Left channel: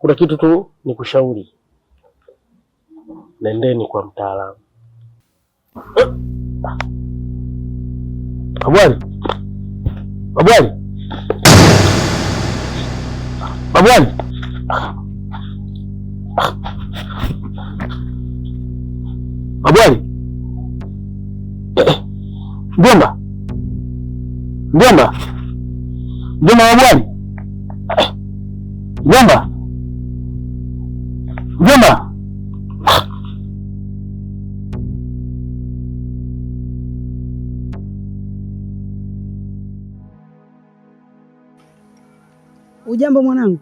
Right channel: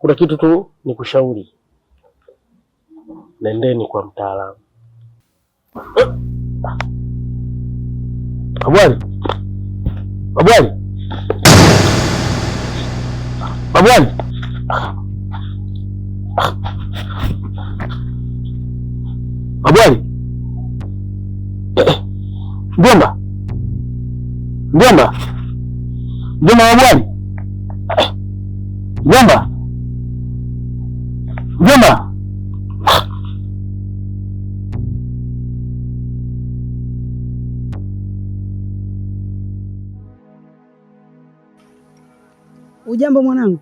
Kuna kitu tu nikushauri, nendeni kwa mtaalamu. Babwali, babwali, babwali, babwali, mjomba, mjomba, mjomba, babwali, mjomba, mjomba. Ujambo mwanangu?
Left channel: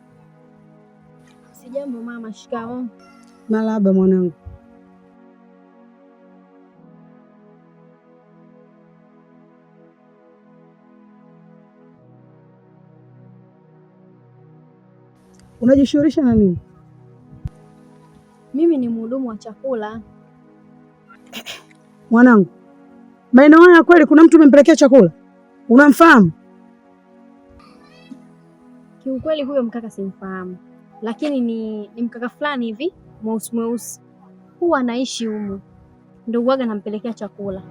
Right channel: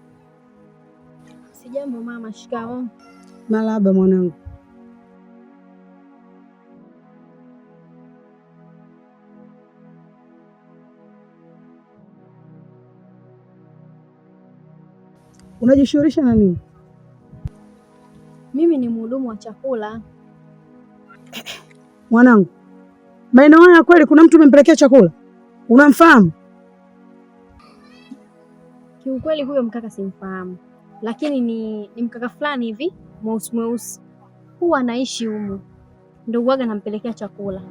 Sijambo mama. Shikamoo. Marahaba mwanangu. Unajishughulisha na nini? Mimi ni mhudumu wa chakula. Mwanangu, maeneo haya kweli kuna mtu umempelekea chakula? Unamfahamu? Kiukweli huyo mkaka simfahamu, lakini ni mkaka fulani hivi mweusi mweusi, huwa anaishi humu, ndio huwaga nampelekea chakula.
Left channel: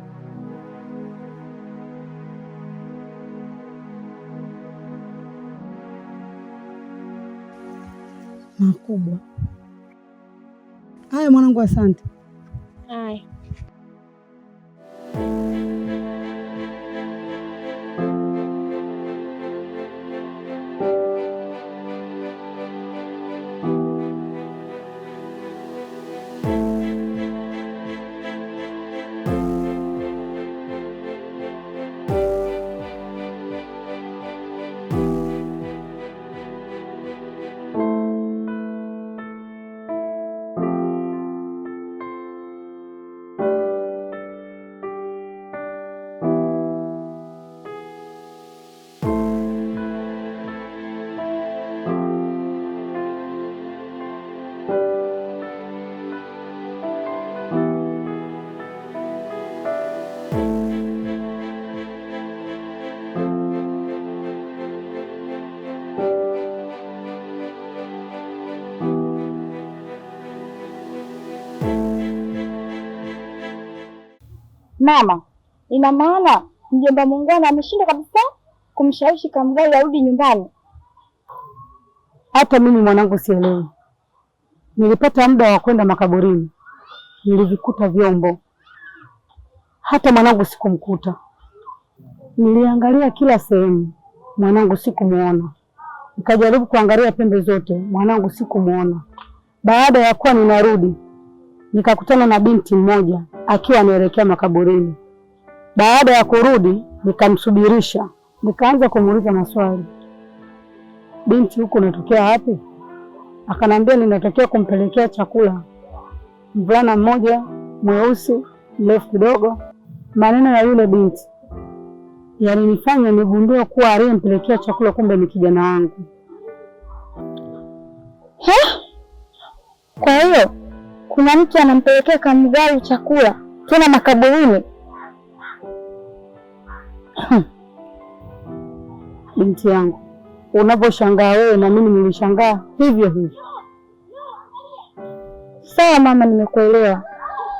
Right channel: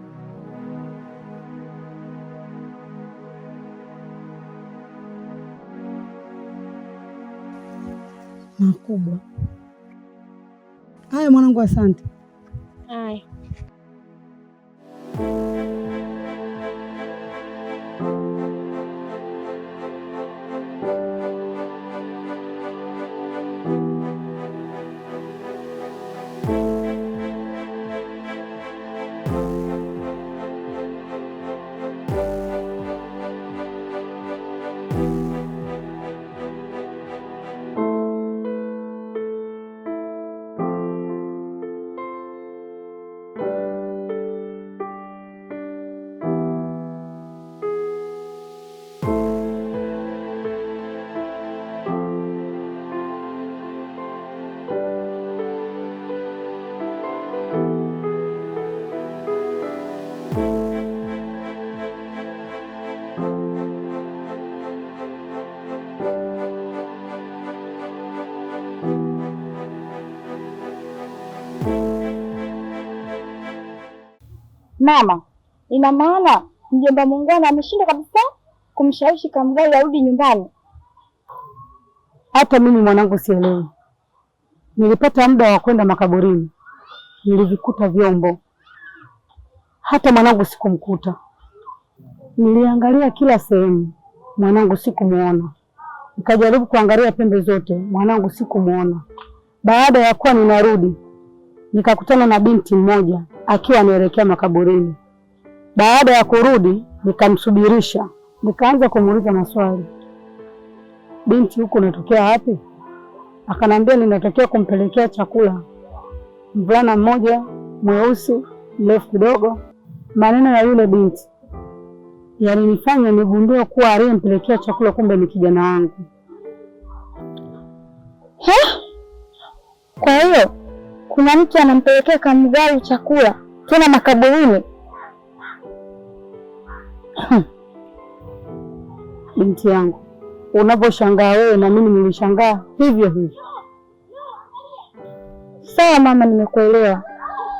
Makubwa haya mwanangu, asante. Haya. Mama, ina maana mjomba Muungwana ameshindwa kabisa kumshawishi Kamgai arudi nyumbani? Hata mimi mwanangu sielewi. Nilipata muda wa kwenda makaburini, nilivikuta vyombo, hata mwanangu sikumkuta. Niliangalia kila sehemu, mwanangu sikumuona. Nikajaribu kuangalia pembe zote, mwanangu sikumuona. Baada ya kuwa ninarudi, nikakutana na binti mmoja akiwa anaelekea makaburini. Baada ya kurudi, nikamsubirisha, nikaanza kumuuliza maswali. Binti, huko unatokea wapi? Akanambia ninatokea kumpelekea chakula mvulana mmoja mweusi mrefu kidogo. Maneno ya yule binti yalinifanya nigundue kuwa aliyempelekea chakula kumbe ni kijana wangu. Kwa hiyo kuna mtu anampelekea Kamgai chakula tena makaburini? Binti yangu, unaposhangaa wewe na mimi nilishangaa hivyo hivyo. Sawa mama, nimekuelewa.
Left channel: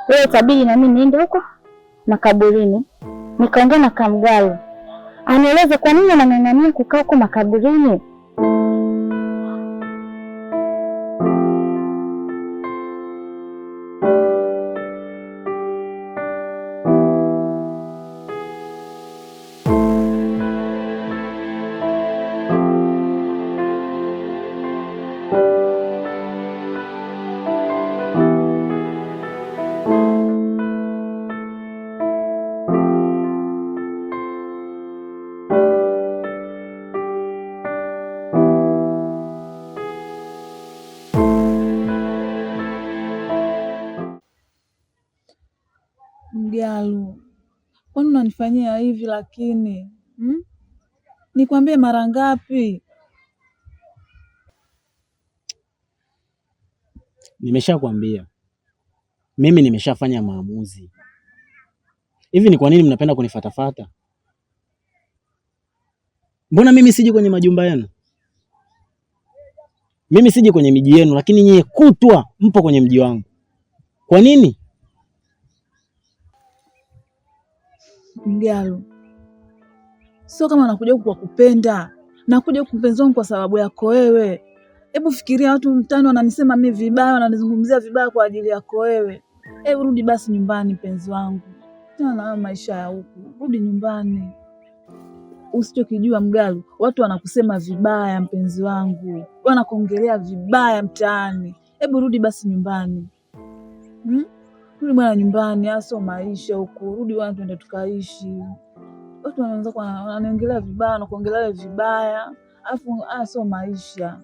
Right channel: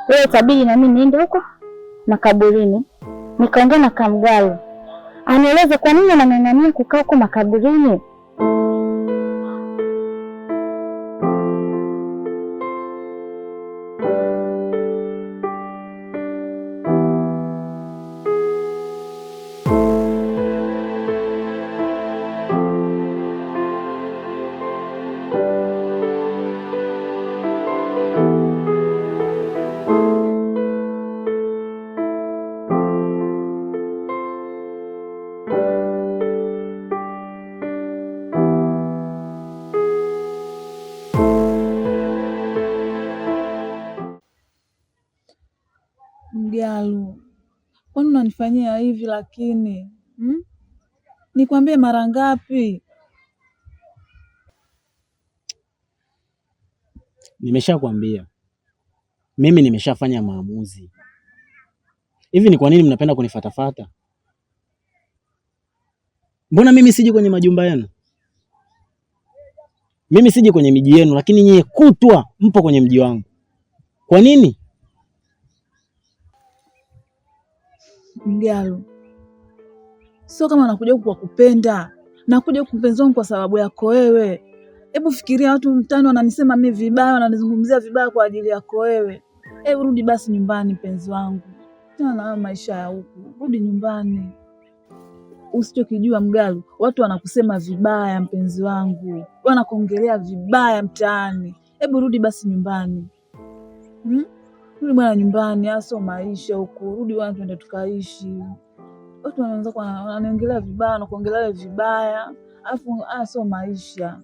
Wewe tabidi na mimi niende huko makaburini nikaongea na Kamgai anieleze kwa nini anang'ang'ania kukaa huko makaburini. Mgalu, kwani unanifanyia hivi lakini? Nikwambie mara ngapi? Nimeshakwambia. Mimi nimeshafanya maamuzi. Hivi ni kwa nini mnapenda kunifatafata? Mbona mimi siji kwenye majumba yenu? Mimi siji kwenye miji yenu, lakini nyie kutwa mpo kwenye mji wangu. Kwa nini? Mgalu, sio kama nakuja huku kwa kupenda, nakuja huku mpenzi wangu kwa sababu yako wewe. Hebu fikiria, watu mtaani wananisema mimi vibaya, wananizungumzia vibaya kwa ajili yako wewe. Hebu rudi basi nyumbani mpenzi wangu, tena maisha ya huku, rudi nyumbani. Usichokijua Mgalu, watu wanakusema vibaya mpenzi wangu, wanakuongelea vibaya mtaani. Hebu rudi basi nyumbani. Rudi bwana nyumbani, aso maisha huku. Rudi bwana, twende tukaishi. Watu wanaanza wananiongelea vibaya, wanakuongelea vibaya, afu aso maisha.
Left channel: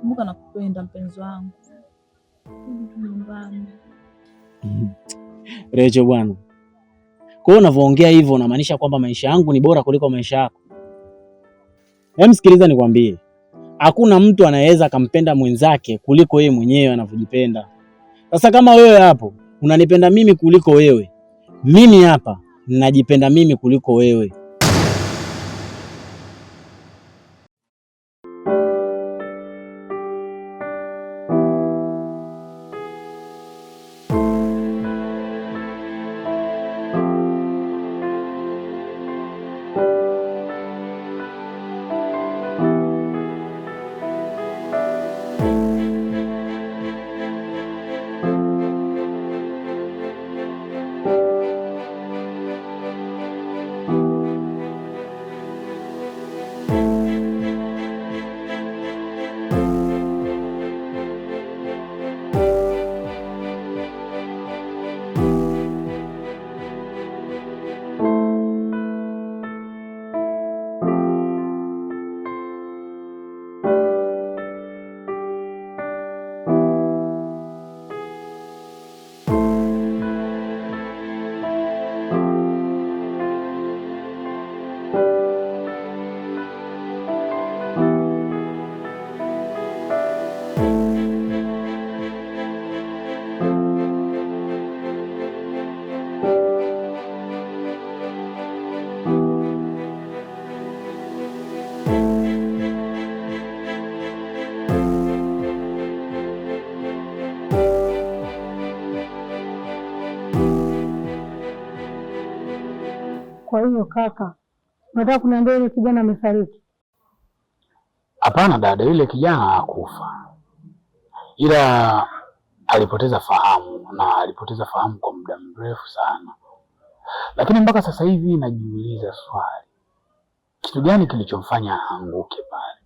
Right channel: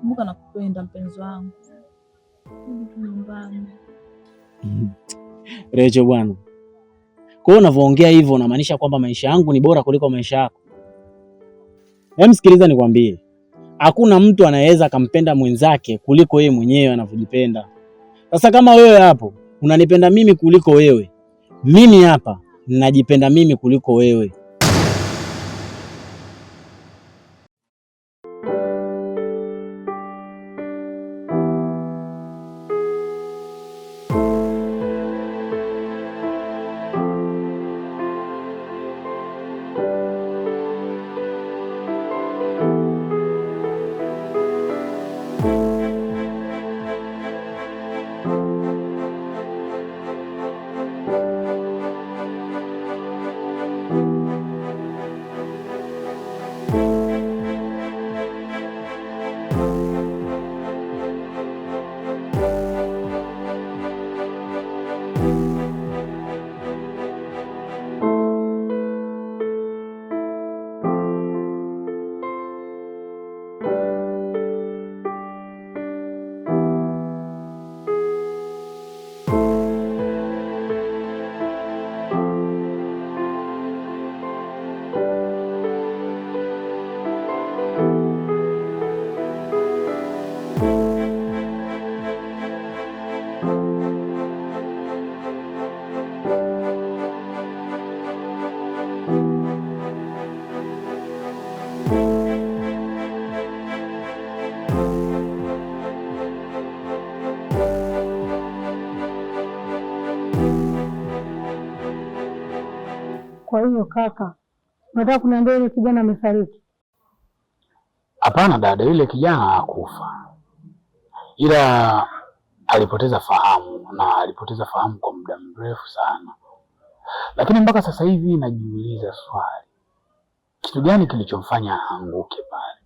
Kumbuka nakupenda mpenzi wangu. Rudi nyumbani. Recho bwana, kwa hiyo unavyoongea hivyo unamaanisha kwamba maisha yangu ni bora kuliko maisha yako? Sikiliza nikwambie, hakuna mtu anayeweza akampenda mwenzake kuliko yeye mwenyewe anavyojipenda. Sasa kama wewe hapo unanipenda mimi kuliko wewe, mimi hapa najipenda mimi kuliko wewe. Kwa hiyo kaka, unataka kuniambia yule kijana amefariki? Hapana dada, yule kijana hakufa, ila alipoteza fahamu, na alipoteza fahamu kwa muda mrefu sana. Lakini mpaka sasa hivi najiuliza swali, kitu gani kilichomfanya aanguke pale?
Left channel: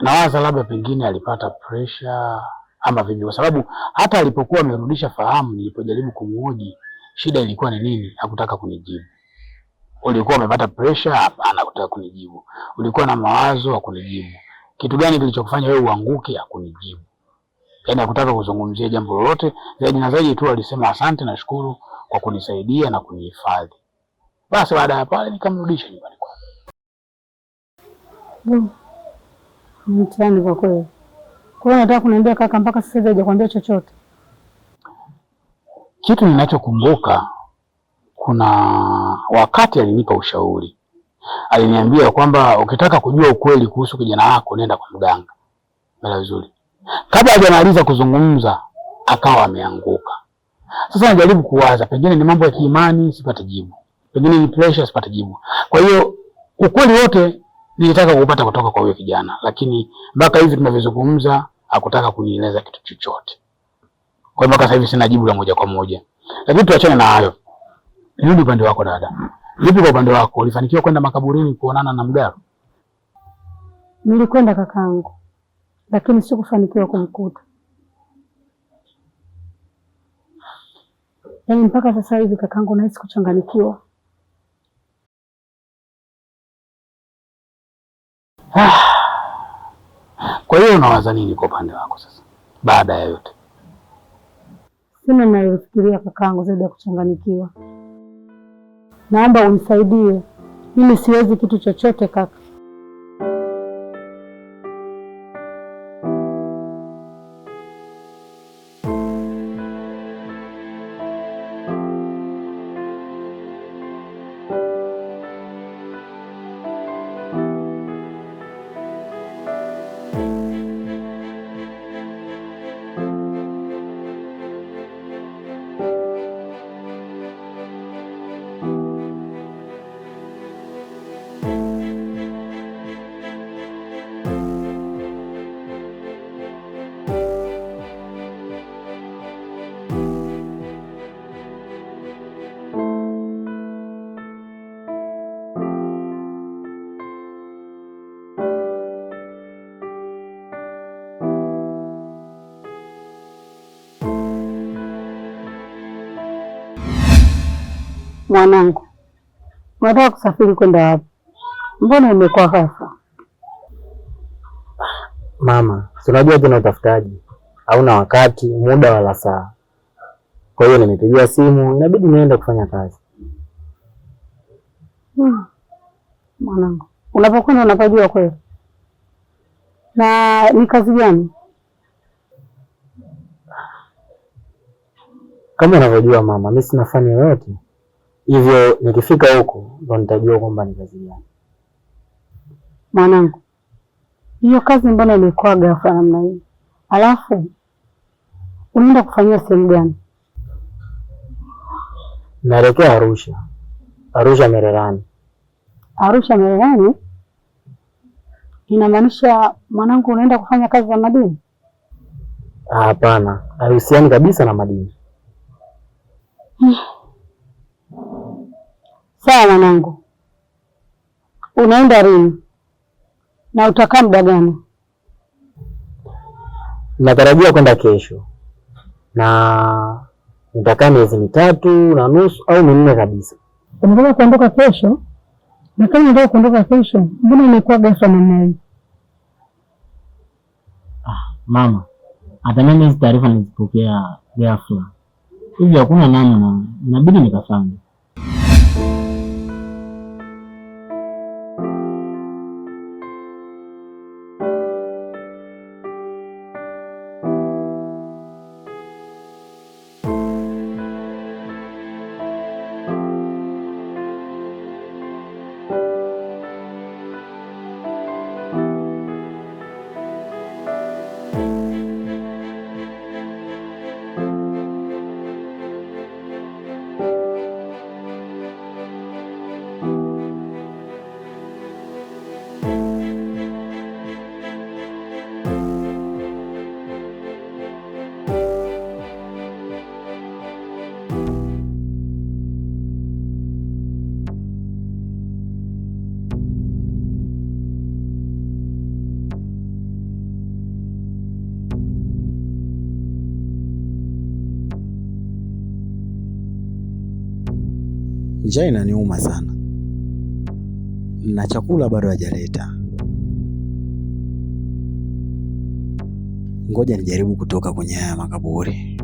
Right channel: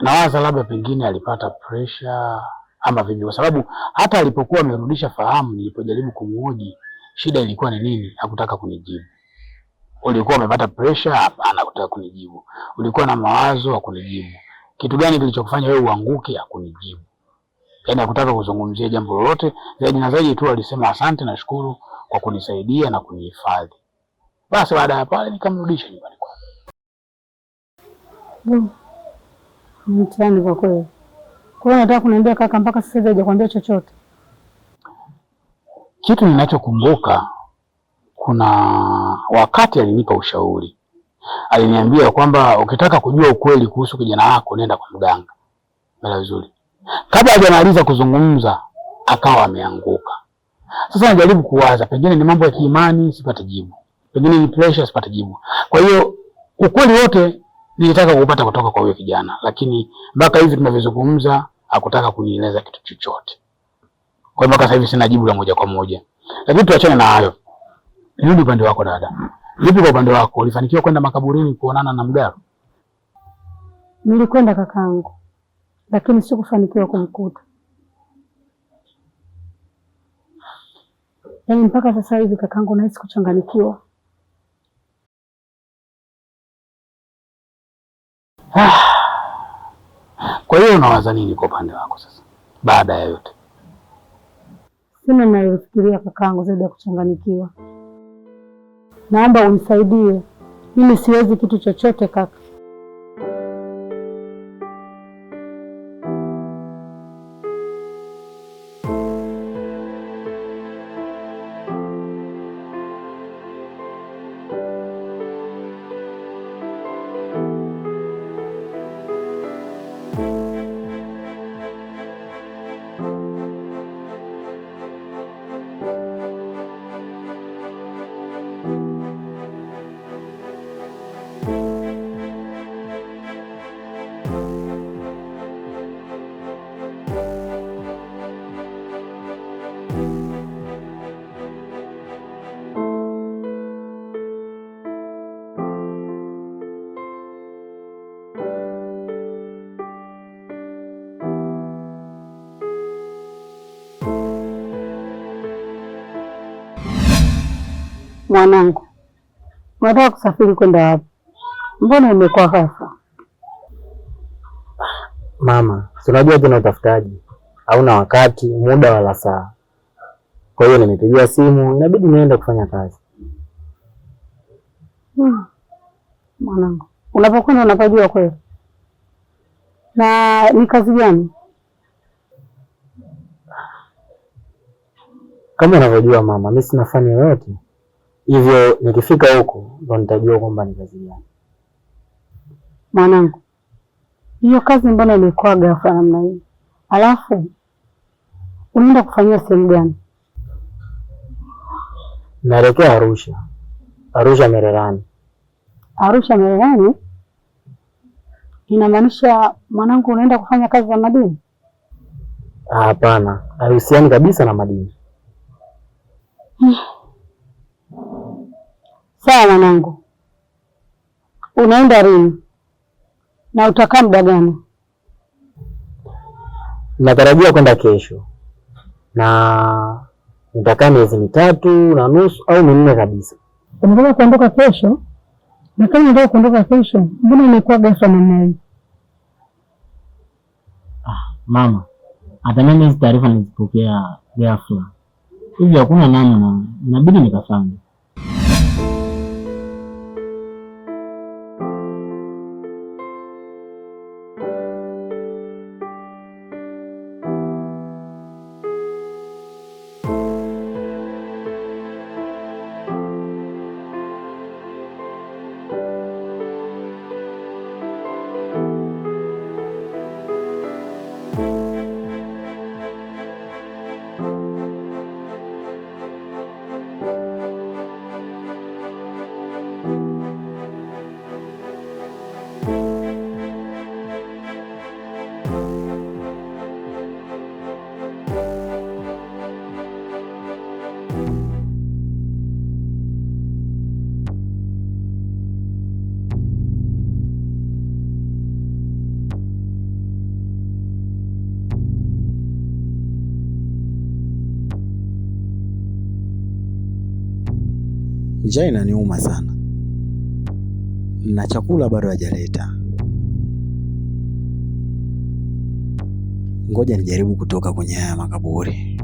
Nawaza labda pengine alipata pressure ama vipi, kwa sababu hata alipokuwa amerudisha fahamu, nilipojaribu kumhoji shida ilikuwa ni nini, hakutaka kunijibu. Ulikuwa umepata pressure? Hapana, hakutaka kunijibu. Ulikuwa na mawazo? Hakunijibu. Kitu gani kilichokufanya wewe uanguke? Hakunijibu. Yaani hakutaka kuzungumzia jambo lolote, zaidi na zaidi tu alisema asante na shukuru kwa kunisaidia na kunihifadhi. Basi baada ya pale nikamrudisha nyumbani kwake. Mtani kwa kweli. Kwa hiyo nataka kuniambia kaka, mpaka sasa hivi hajakwambia chochote? Kitu ninachokumbuka, kuna wakati alinipa ushauri. Aliniambia kwamba ukitaka kujua ukweli kuhusu kijana wako nenda kwa mganga. Mara vizuri. Kabla hajamaliza kuzungumza akawa ameanguka. Sasa najaribu kuwaza, pengine ni mambo ya kiimani, sipate jibu. Pengine ni pressure, sipate jibu. Kwa hiyo ukweli wote nilitaka kupata kutoka kwa huyo kijana, lakini mpaka hivi tunavyozungumza hakutaka kunieleza kitu chochote. Kwa mpaka sasa hivi sina jibu la moja kwa moja. Lakini tuachane na hayo. Nirudi upande wako dada. Vipi kwa upande wako? Ulifanikiwa kwenda makaburini kuonana na Mgaro? Nilikwenda kakaangu, lakini sikufanikiwa kumkuta. Yaani mpaka sasa hivi kakaangu nahisi kuchanganyikiwa. Kwa hiyo unawaza nini kwa upande wako sasa baada ya yote? Sina ninayofikiria kakaangu zaidi ya kuchanganyikiwa. Naomba unisaidie. Mimi siwezi kitu chochote kaka. Mwanangu, unataka kusafiri kwenda wapi? Mbona umekuwa ghafla? Mama, si unajua tena utafutaji hauna wakati, muda wala saa. Kwa hiyo nimepigiwa simu, inabidi niende kufanya kazi. Mwanangu, unapokwenda unapajua kweli? Na ni kazi gani? Kama unavyojua mama, mimi sina fani yoyote. Hivyo nikifika huko ndo nitajua kwamba ni kazi gani. Mwanangu, hiyo kazi mbona imekuwa ghafla namna hii? Alafu unaenda kufanyia sehemu gani? Naelekea Arusha. Arusha Mererani. Arusha Mererani? Inamaanisha mwanangu unaenda kufanya kazi za madini? Hapana, haihusiani kabisa na madini. Sawa mwanangu. Unaenda lini? Na utakaa muda gani? Natarajia kwenda kesho. Na nitakaa miezi 3.5 au 4 kabisa. Unataka kuondoka kesho? Na kama unataka kuondoka kesho, mbona imekuwa ghafla namna hii? Mama, hata mimi hizi taarifa nilizipokea ghafla. Hivi hakuna namna, inabidi nikafanye. Njaa inaniuma sana na chakula bado hajaleta. Ngoja nijaribu kutoka kwenye haya makaburi.